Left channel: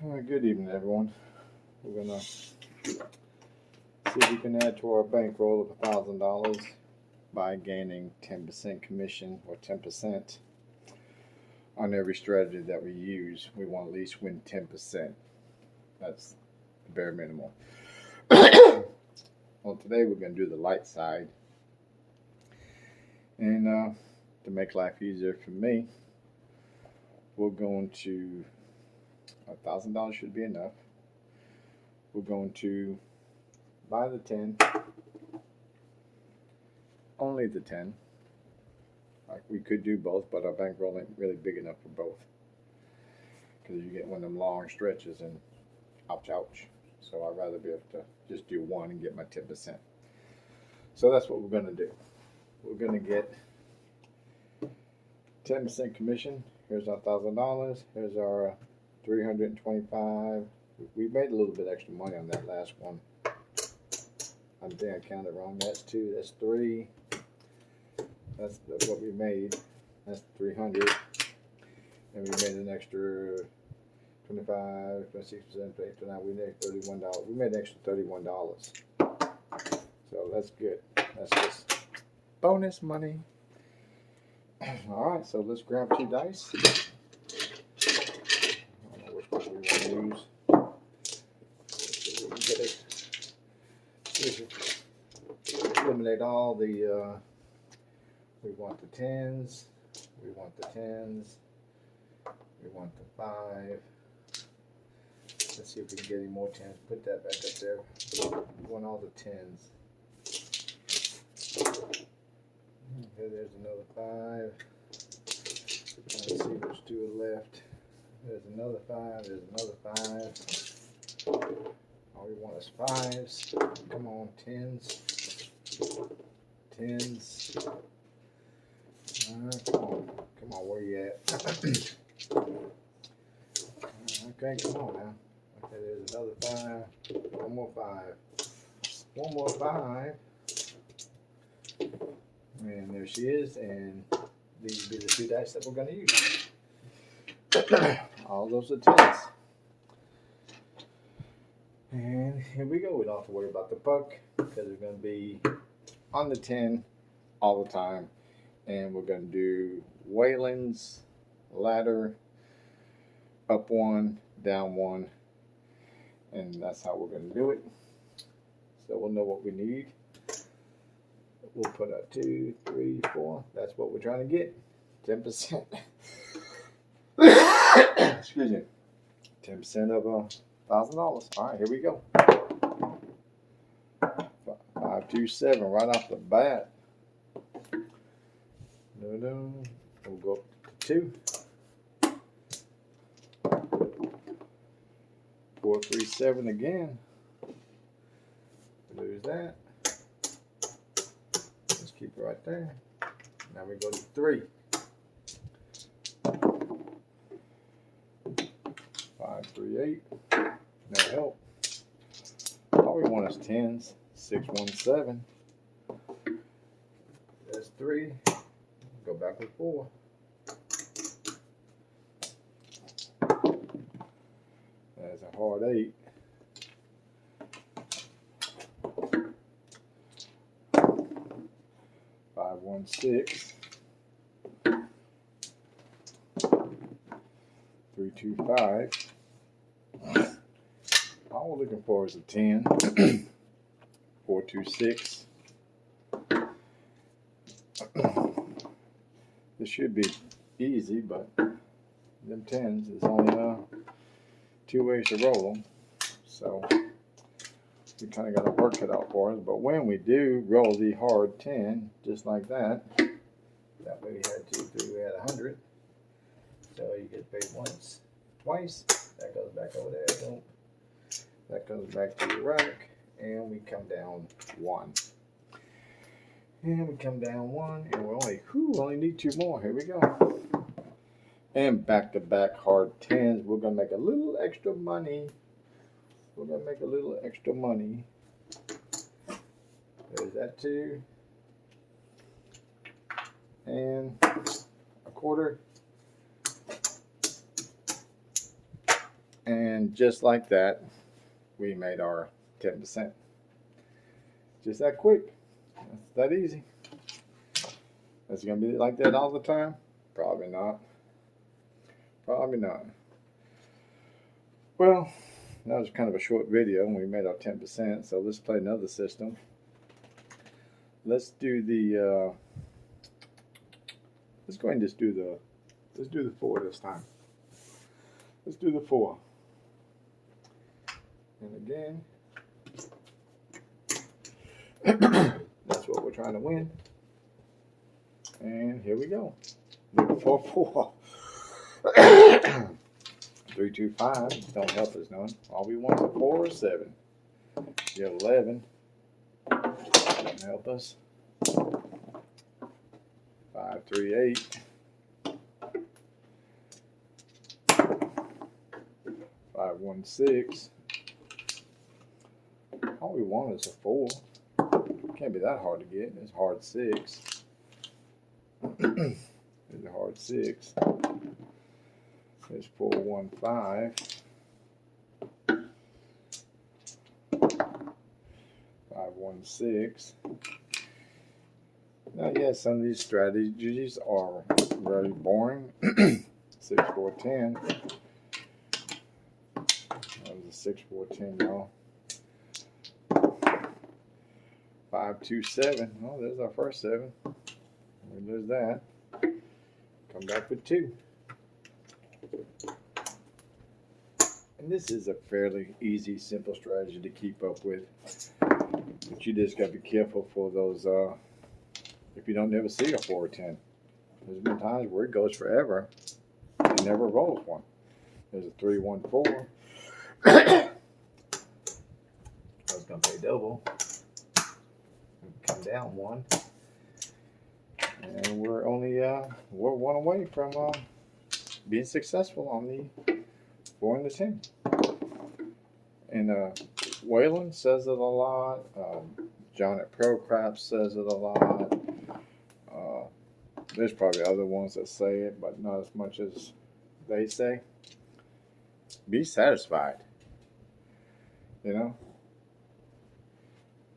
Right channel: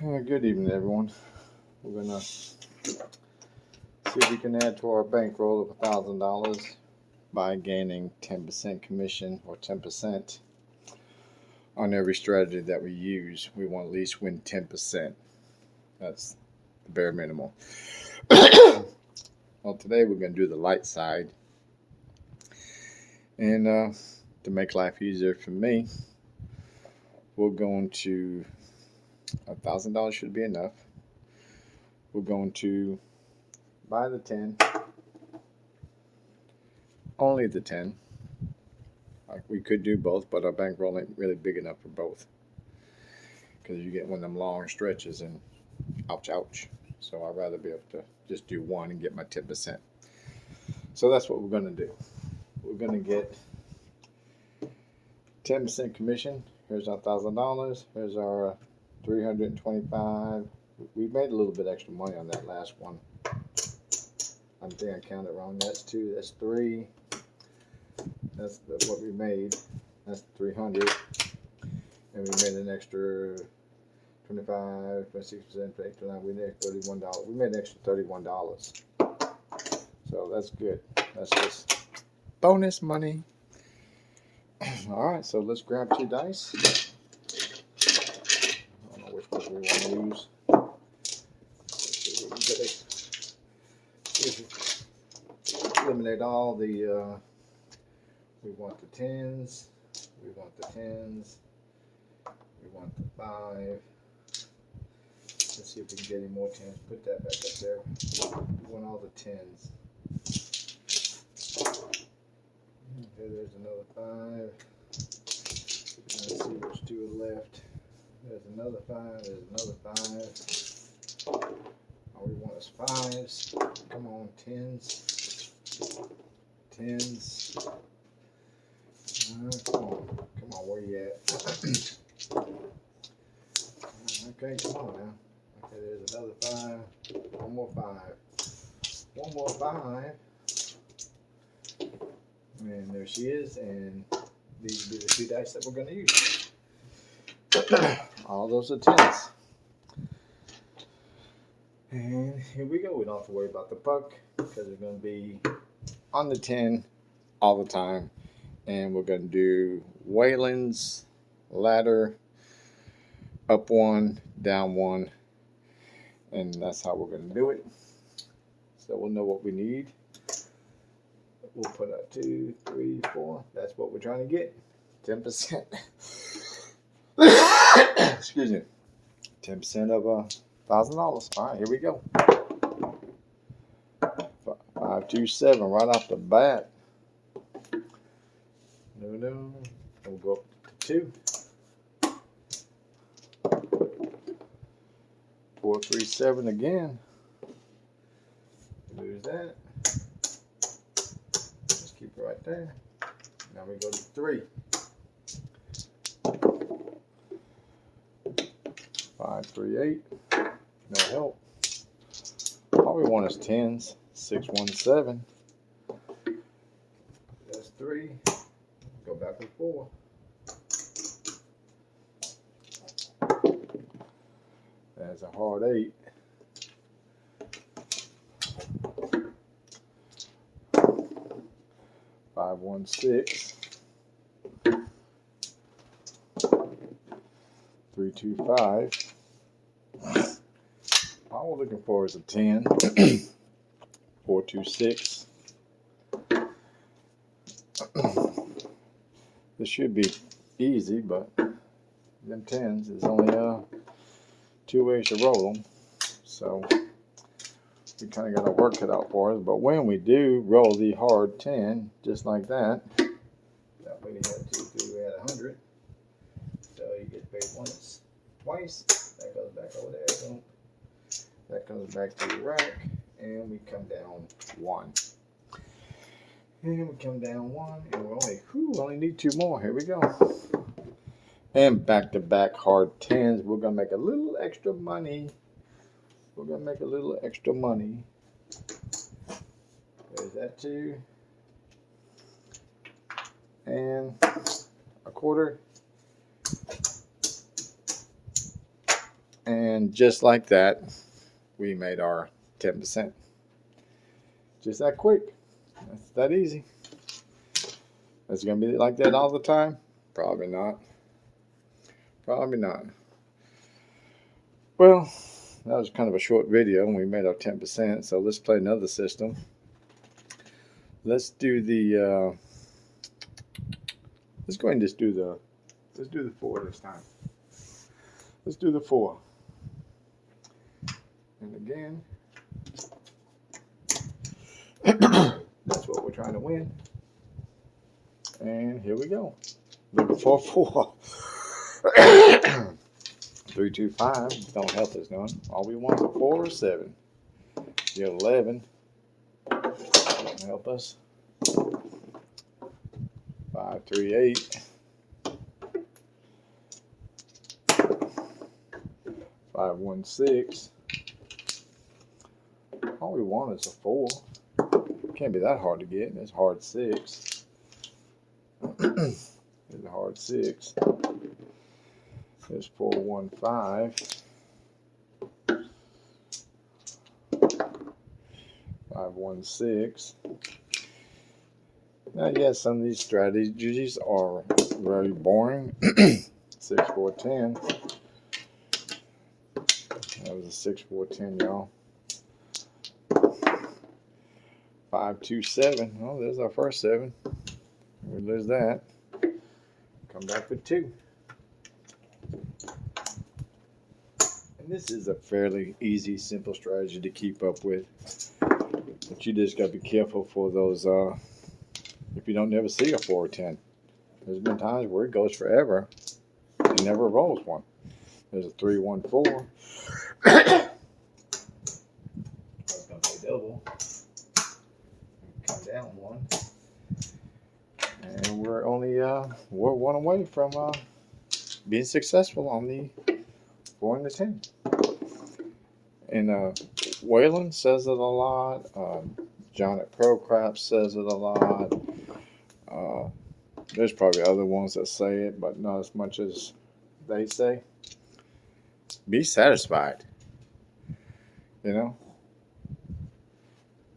Good evening, everyone. We're gonna see if we can add to our bankroll of $1,000 by gaining 10% commission or 10% on every strategy that we use. We want to at least win 10%. That's the bare minimum. Well, today we're gonna do the light side, and to make life easier for me, we're going to $1,000 should be enough. We're going to buy the 10, only the 10. Like we could do both, but our bankroll ain't really big enough for both because you get one of them long stretches and ouch. So I'd rather be able to just do one and get my 10%. So that's what we're going to do. We're going to get 10% commission. Here's our $1,000. Here's our 325. We made a little bit extra money on that last one. I think I counted wrong. That's 2. That's 3. That's what we made. That's 300. And we made an extra 25, 26%, 29. We made $31. We made an extra $31. So that's good. That's just bonus money. All right, so let's grab 2 dice. I don't know which one we want to use. Eliminate all the. We want the 10s. We want the 10s. We want the 5. Let's see if we can get any more 10s. Put that back up there. We want all the 10s. Okay, there's another 5. Let's see which 2 are left. There's another 5. There's another 5. All we want is 5s. Come on, 10s. 10s. Come on, where you at? Okay, come on now. Okay, there's another 5. One more 5. One more 5. And there she is. And these will be the 2 dice that we're going to use. All those are 10s. And here we go. We don't have to worry about the puck because we're going to be on the 10 all the time. And we're going to do Wayland's ladder, up 1, down 1. And that's how we're going to do it. So we'll know what we need. We'll put out 2, 3, 4. That's what we're trying to get. 10%. Excuse me. 10% of $1,000. All right, here we go. 5, 2, 7 right off the bat. No. We'll go up to 2. 4, 3, 7 again. Lose that. Just keep it right there. Now we go to 3. 5, 3, 8. No help. All we want is 10s. 6, 1, 7. That's 3. Go back with 4. That's a hard 8. 5, 1, 6. 3, 2, 5. All we're looking for is a 10. 4, 2, 6. This should be easy, but them 10s, there's only 2 ways to roll them. So we kind of got our work cut out for us. But when we do roll the hard 10, just like that, that way we had 2, 3, we had 100. So you get paid once, twice. That goes back over there. Boom. That comes back to your rack, and we come down 1. And we come down 1, and we only need 2 more. Here we go. And back-to-back hard 10s. We're going to make a little extra money. There's that 2. And a quarter. And And just like that, we made our 10%. Just that quick. That's that easy. Is it going to be like that all the time? Probably not. Probably not. Well, that was kind of a short video and we made our 10%. So let's play another system. Let's do the, let's go ahead and just do the, let's do the 4 this time. Let's do the 4. And again, that's what we're trying to win. And here we go. Looking for 4. 3, 2, 5 don't help us none. All we want is a 4 or 7. The 11 don't help us. 5, 3, 8. 5, 1, 6. All we want is a 4. Can't be that hard to get. It's hard 6. It's a hard 6. There's 4, 1, 5. 5, 1, 6. Now, yes, some of these strategies are very boring. 6, 4, 10. That was a 6, 4, 10, y'all. 5, 2, 7. Oh, there's our first 7. We lose that. Come back with 2. And this is a fairly easy, simple strategy to keep up with. But you just got to be careful for those, if you don't never see a 4 or 10. There's been times where it goes forever and never rolls one. There's a 3, 1, 4. I was going to play double. Come down 1. And we're only, we're 1 away from being successful on the 4 and the 10. And Waylon says it a lot. John at Pro Craps says it a lot. There's probably other ones that say it, but not as much as they say. Be satisfied. You know?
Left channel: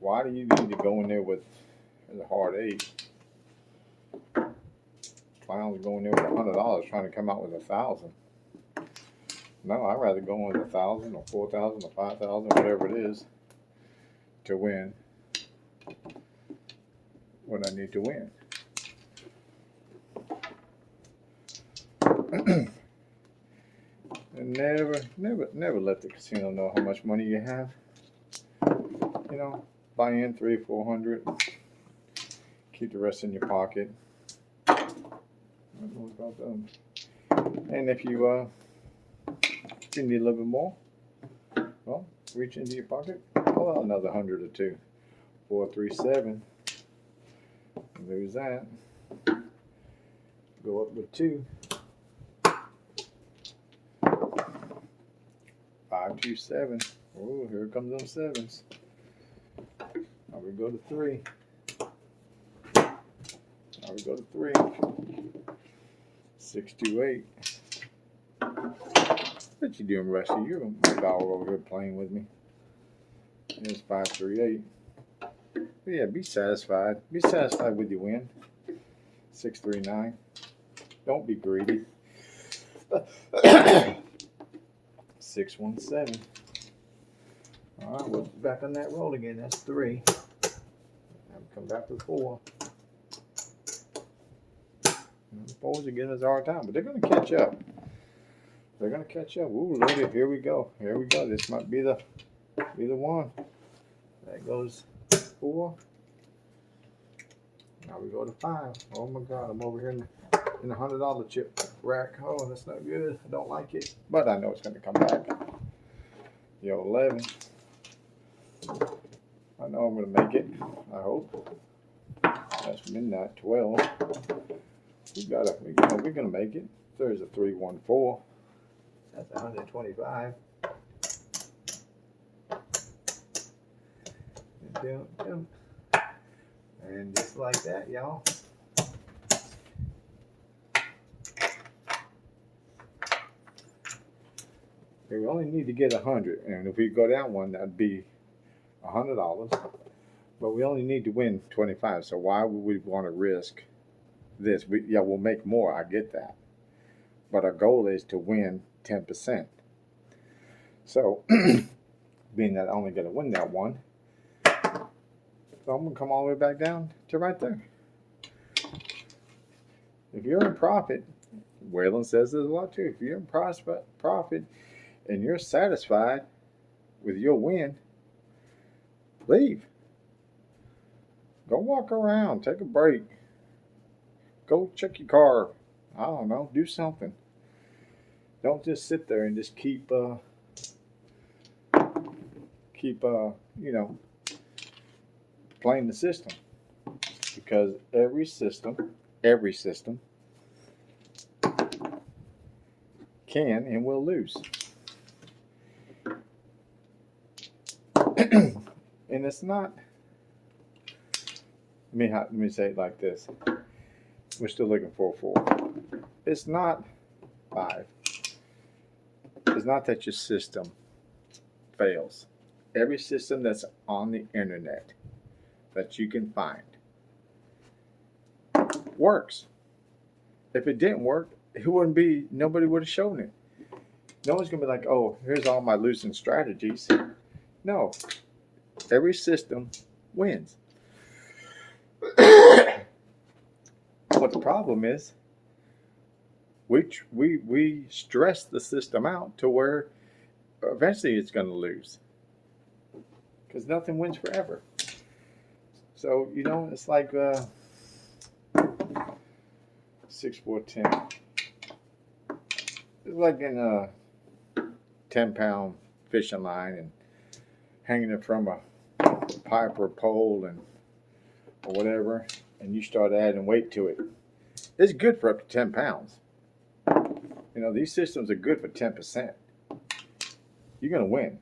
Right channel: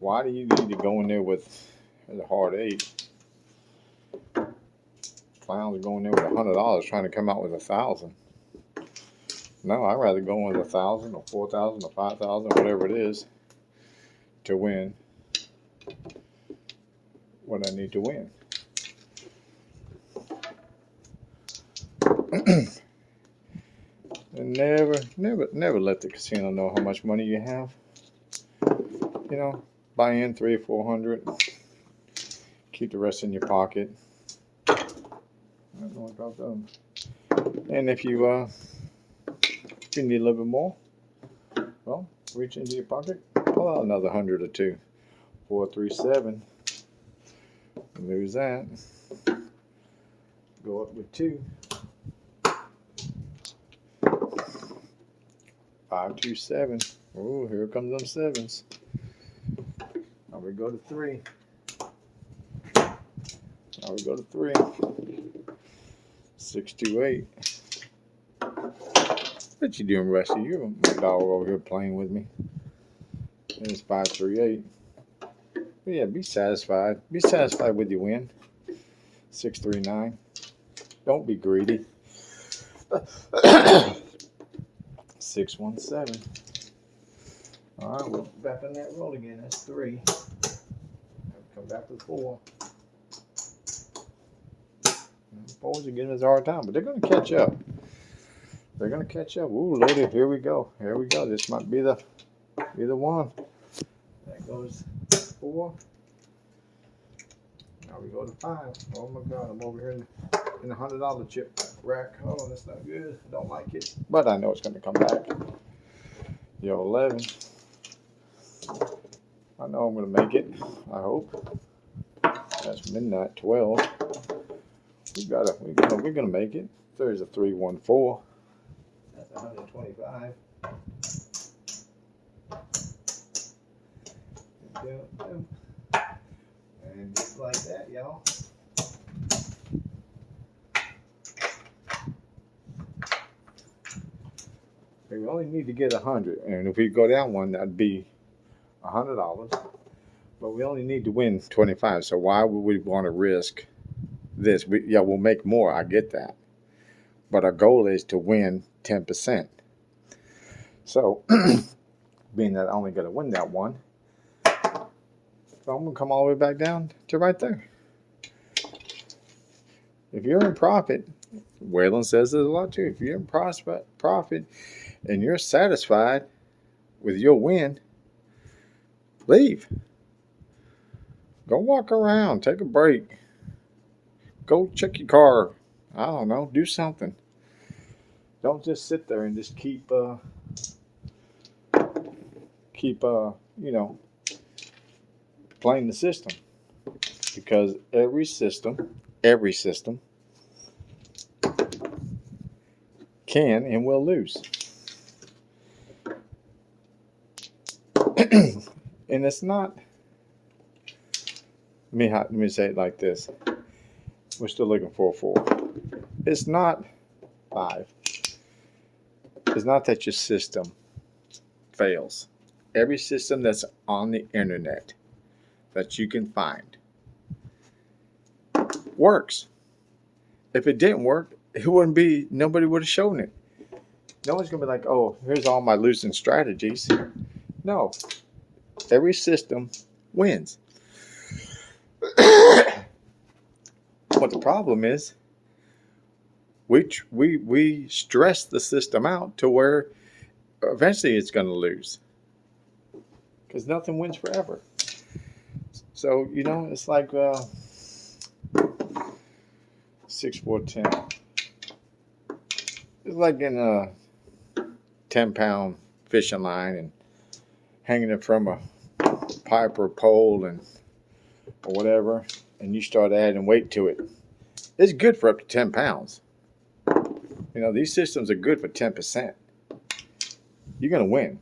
Why do you need to go in there with a hard 8? Clowns going there with $100 trying to come out with 1,000. No, I'd rather go in with 1,000 or 4,000 or 5,000, whatever it is, to win what I need to win. And never let the casino know how much money you have. You know, buy in 300 or 400. Keep the rest in your pocket. And if you need a little bit more, well, reach into your pocket. Well, another 100 or 2. 4, 3, 7. Lose that. Go up with 2. 5, 2, 7. Oh, here comes them 7s. Now we go to 3. Now we go to 3. 6, 2, 8. What you doing, Rusty? You're a dog over here playing with me. And it's 5, 3, 8. But yeah, be satisfied. Be satisfied with your win. 6, 3, 9. Don't be greedy. 6, 1, 7. All right, we're back on that roll again. That's 3. Now we come back with 4. The 4s are giving us a hard time, but they're going to catch up. They're going to catch up. Ooh, loaded. Here we go. Here we go. This might be the one. That goes 4. Now we go to 5. Oh my God, I'm over here in the $100 chip rack. Oh, that's not good. I don't like it, but I know it's going to come back. The 11. I know I'm going to make it. I hope. That's midnight 12. We're gonna make it. There's a 3, 1, 4. That's 125. And just like that, y'all. We only need to get 100, and if we go down one, that'd be $100. But we only need to win 25. So why would we want to risk this? We'll make more. I get that, but our goal is to win 10%. So, being that I only got to win that one, so I'm gonna come all the way back down to right there. If you're in profit, Waylon says it a lot too. If you're in profit and you're satisfied with your win, leave. Go walk around, take a break. Go check your car. I don't know, do something. Don't just sit there and just keep playing the system, because every system can and will lose. And it's not, let me say it like this. We're still looking for a 4. It's not 5. It's not that your system fails. Every system that's on the internet that you can find works. If it didn't work, it wouldn't be, nobody would have shown it. No one's gonna be like, oh, here's all my losing strategies. No, every system wins. But the problem is, we stress the system out to where eventually it's going to lose, because nothing wins forever. So it's like 6, 4, 10. It's like in a 10-pound fishing line and hanging it from a pipe or pole or whatever, and you start adding weight to it. It's good for up to 10 pounds. These systems are good for 10%. You're going to win.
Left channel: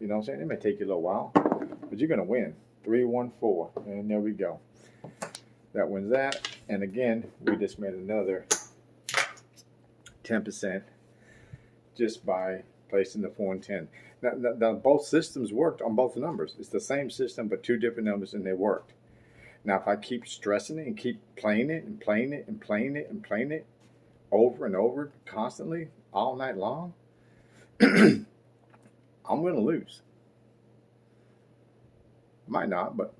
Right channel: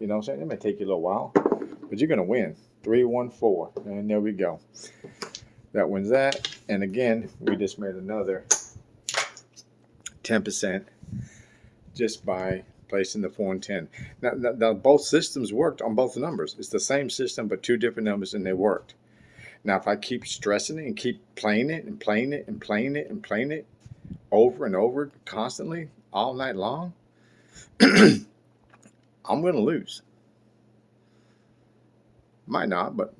You know what I'm saying? It may take you a little while, but you're going to win. 3, 1, 4. And there we go. That wins that. And again, we just made another 10% just by placing the 4 and 10. Now, both systems worked on both numbers. It's the same system, but 2 different numbers, and they worked. Now, if I keep stressing it and keep playing it and playing it and playing it and playing it over and over constantly all night long, I'm going to lose. Might not, but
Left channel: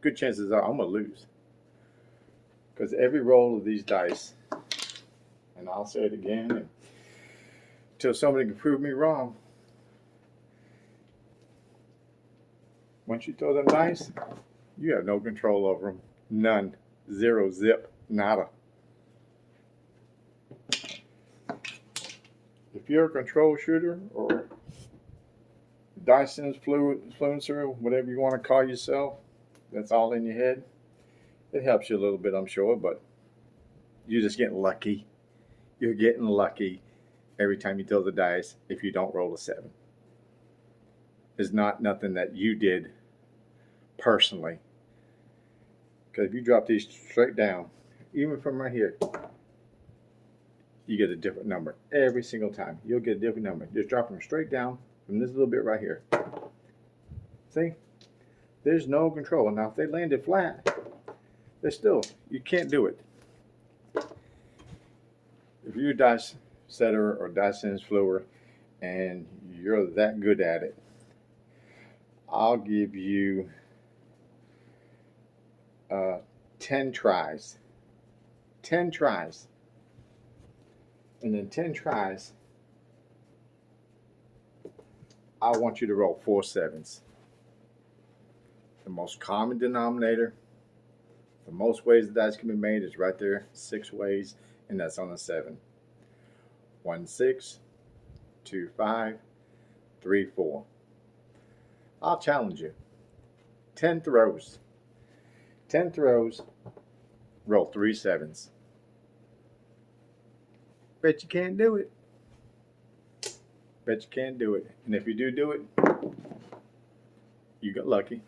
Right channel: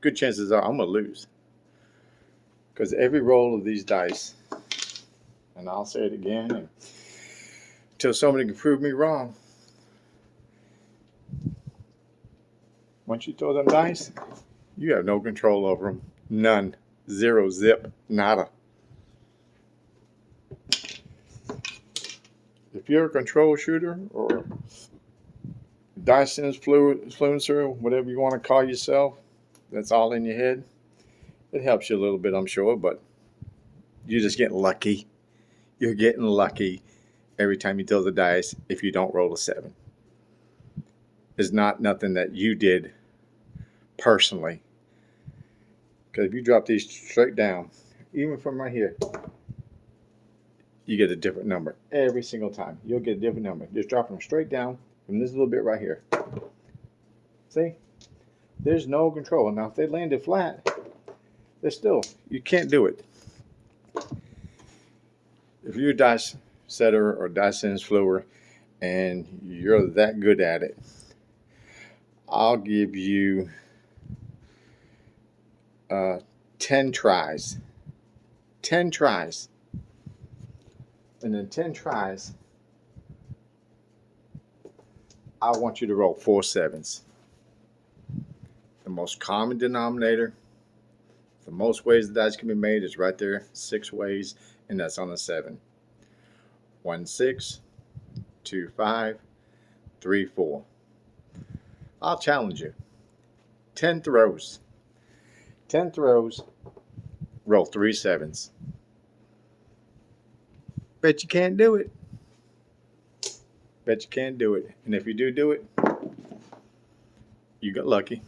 good chances are I'm going to lose. Because every roll of these dice, and I'll say it again until somebody can prove me wrong, once you throw them dice, you have no control over them. None. 0, zip, nada. If you're a control shooter or dice influencer, whatever you want to call yourself, that's all in your head, it helps you a little bit, I'm sure, but you're just getting lucky. You're getting lucky every time you throw the dice if you don't roll a 7. It's not nothing that you did personally. Because if you drop these straight down, even from right here, you get a different number every single time. You'll get a different number. Just drop them straight down from this little bit right here. See? There's no control. Now, if they landed flat, you can't do it. If you're a dice setter or dice influencer and you're that good at it, I'll give you 10 tries. 10 tries. And in 10 tries, I want you to roll 4 7s. The most common denominator, the most ways the dice can be made is right there, 6 ways, and that's on a 7. 1 6, 2 5, 3 4. I'll challenge you. 10 throws. 10 throws, roll 3 7s. Bet you can't do it. Bet you can't do it. And if you do it, you got lucky.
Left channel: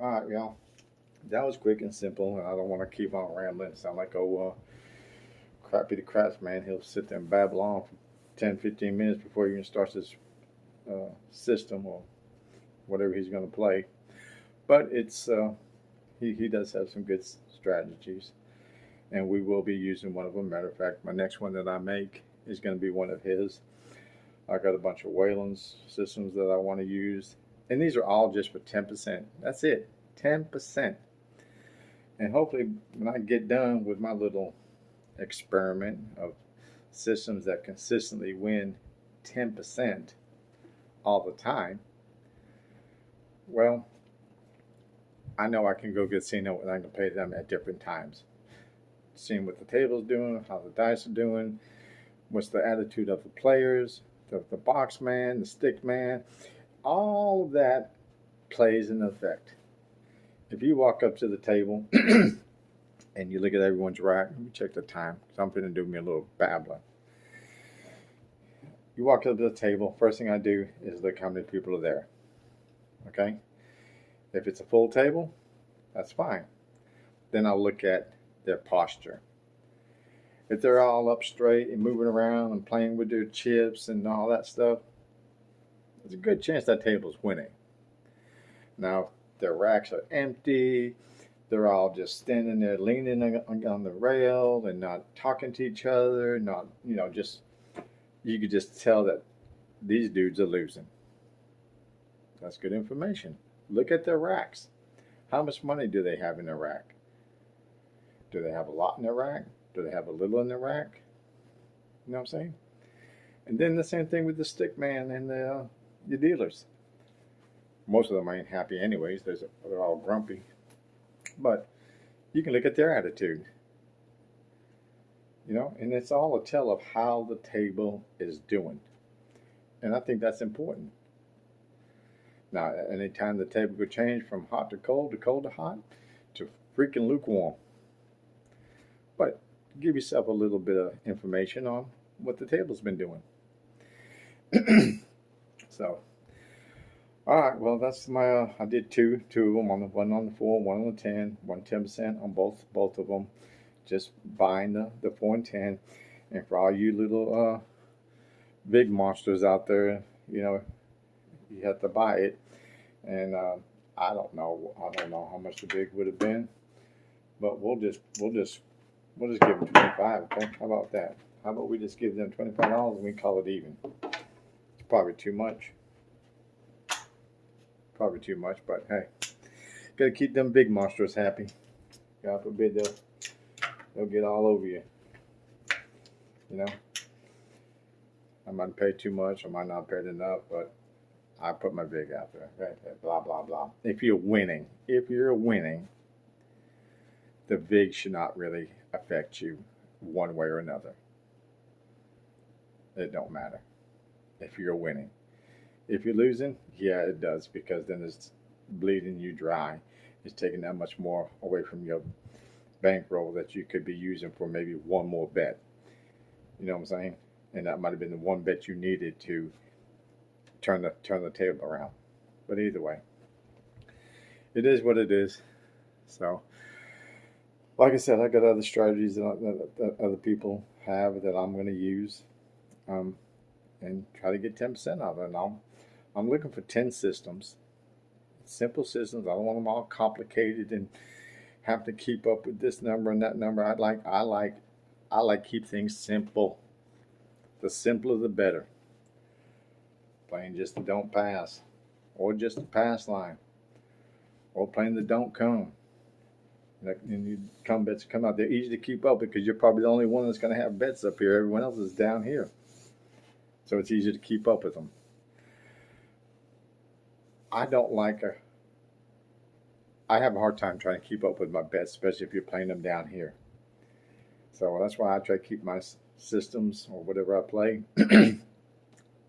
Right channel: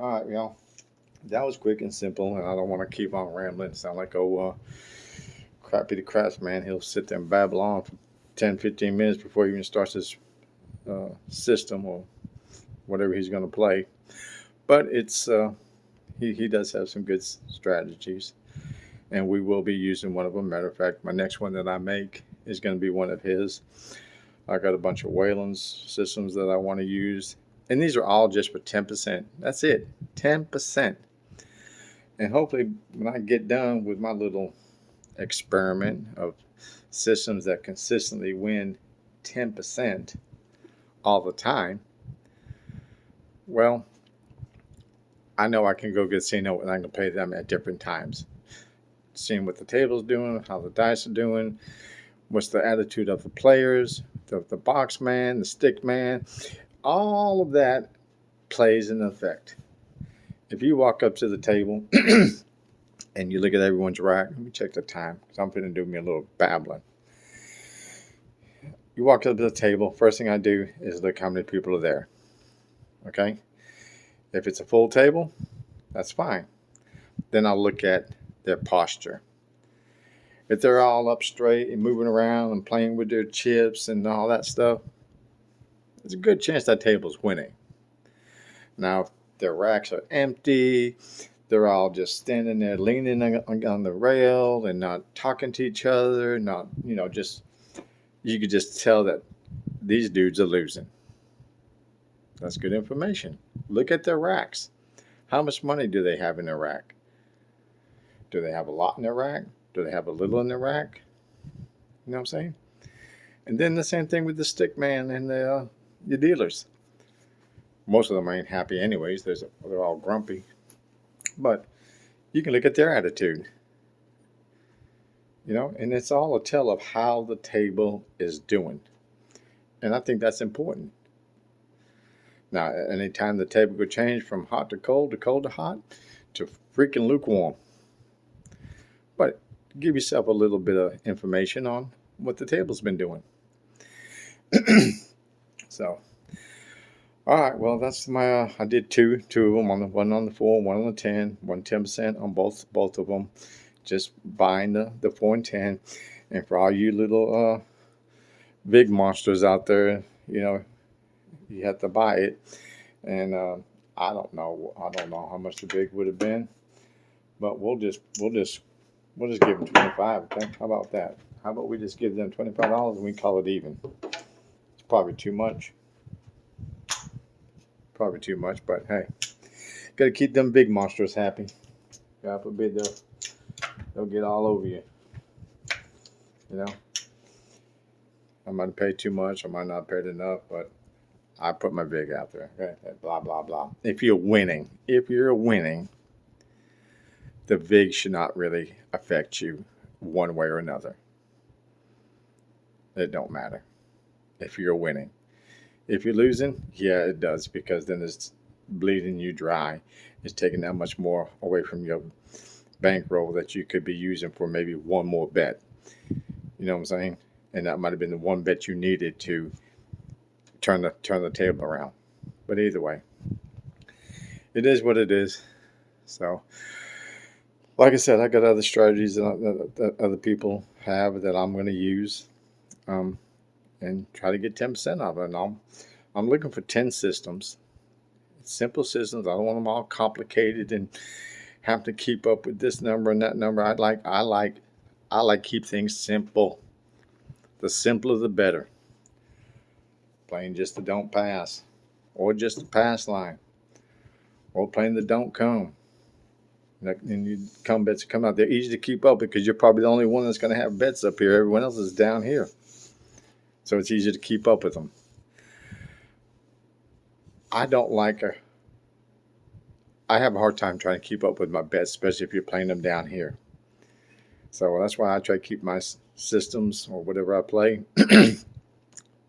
All right, y'all. That was quick and simple, and I don't want to keep on rambling. Sound like crappy the craftsman, he'll sit there and babble on for 10-15 minutes before he even starts his system or whatever he's going to play. But it's he does have some good strategies, and we will be using one of them. Matter of fact, my next one that I make is going to be one of his. I got a bunch of Wayland's systems that I want to use, and these are all just for 10%. That's it, 10%. And hopefully, when I get done with my little experiment of systems that consistently win 10% all the time, well, I know I can go get Casino and I can play them at different times. Seeing what the table's doing, how the dice are doing, what's the attitude of the players, the box man, the stick man, all of that plays an effect. If you walk up to the table and you look at everyone's rack, let me check the time because I'm going to do me a little babbling. You walk up to the table, first thing I do is look how many people are there. Okay? If it's a full table, that's fine. Then I'll look at their posture. If they're all up straight and moving around and playing with their chips and all that stuff, there's a good chance that table's winning. Now, if their racks are empty, they're all just standing there leaning on the rail and not talking to each other, not, just, you could just tell that these dudes are losing. That's good information. Look at their racks. How much money do they have in their rack? Do they have a lot in their rack? Do they have a little in their rack? You know what I'm saying? And then the same thing with the stick man and the dealers. Most of them ain't happy anyways. They're all grumpy. But you can look at their attitude. And it's all a tell of how the table is doing. And I think that's important. Now, anytime the table could change from hot to cold to hot to freaking lukewarm. But give yourself a little bit of information on what the table's been doing. So, all right, well, that's my, I did two of them, one on the 4, one on the 10, 10% on both of them. Just buying the 4 and 10. And for all you little big monsters out there, you have to buy it. And I don't know how much the big would have been, but we'll just give them 25. Okay, how about that? How about we just give them $25 and we call it even? It's probably too much. But hey, gotta keep them big monsters happy. God forbid they'll get all over you. I might pay too much, I might not pay enough, but I put my vig out there. Okay? Blah blah blah. If you're winning, the vig should not really affect you one way or another. It don't matter if you're winning. If you're losing, yeah, it does, because then it's bleeding you dry. It's taking that much more away from your bankroll that you could be using for maybe one more bet. You know what I'm saying? And that might have been the one bet you needed to turn the table around. But either way, it is what it is. So, like I said, I got other strategies that other people have that I'm going to use, and try to get 10% of it. And I'm looking for 10 systems, simple systems. I don't want them all complicated and have to keep up with this number and that number. I like keep things simple. The simpler the better. Playing just the don't pass, or just the pass line, or playing the don't come. And you come bets come out. They're easy to keep up because you're probably the only one that's going to have bets up here. Everyone else is down here. So it's easy to keep up with them. I have a hard time trying to keep up with my bets, especially if you're playing them down here. So that's why I try to keep my systems or whatever I play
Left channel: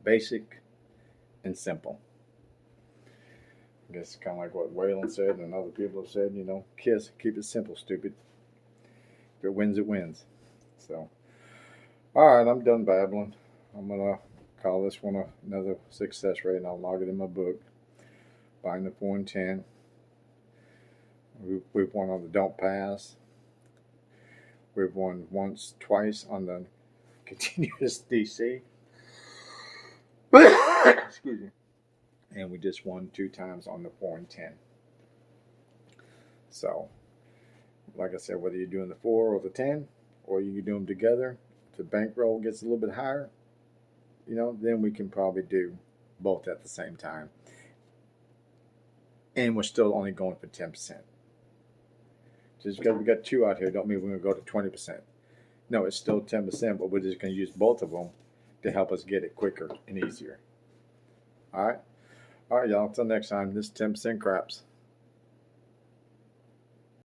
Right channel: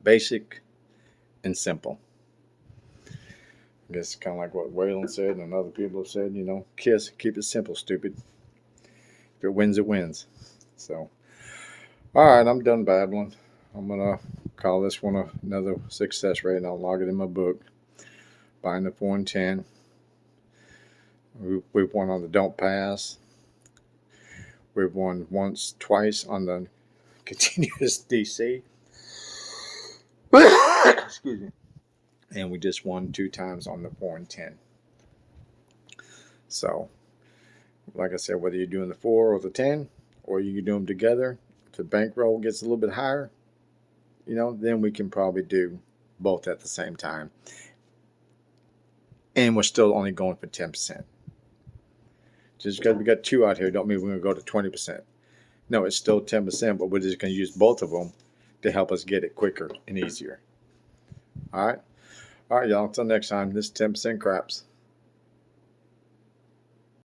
basic and simple. I guess kind of like what Wayland said and other people have said, KISS, keep it simple, stupid. If it wins, it wins. So, all right, I'm done babbling. I'm going to call this one another success rate, and I'll log it in my book. Buying the 4 and 10. We've won on the don't pass. We've won once, twice on the continuous DC. Excuse me. And we just won 2 times on the 4 and 10. So, like I said, whether you're doing the 4 or the 10, or you can do them together, if the bankroll gets a little bit higher, then we can probably do both at the same time. And we're still only going for 10%. Just because we got 2 out here don't mean we're going to go to 20%. No, it's still 10%, but we're just going to use both of them to help us get it quicker and easier. All right, y'all. Until next time, this is 10% Craps.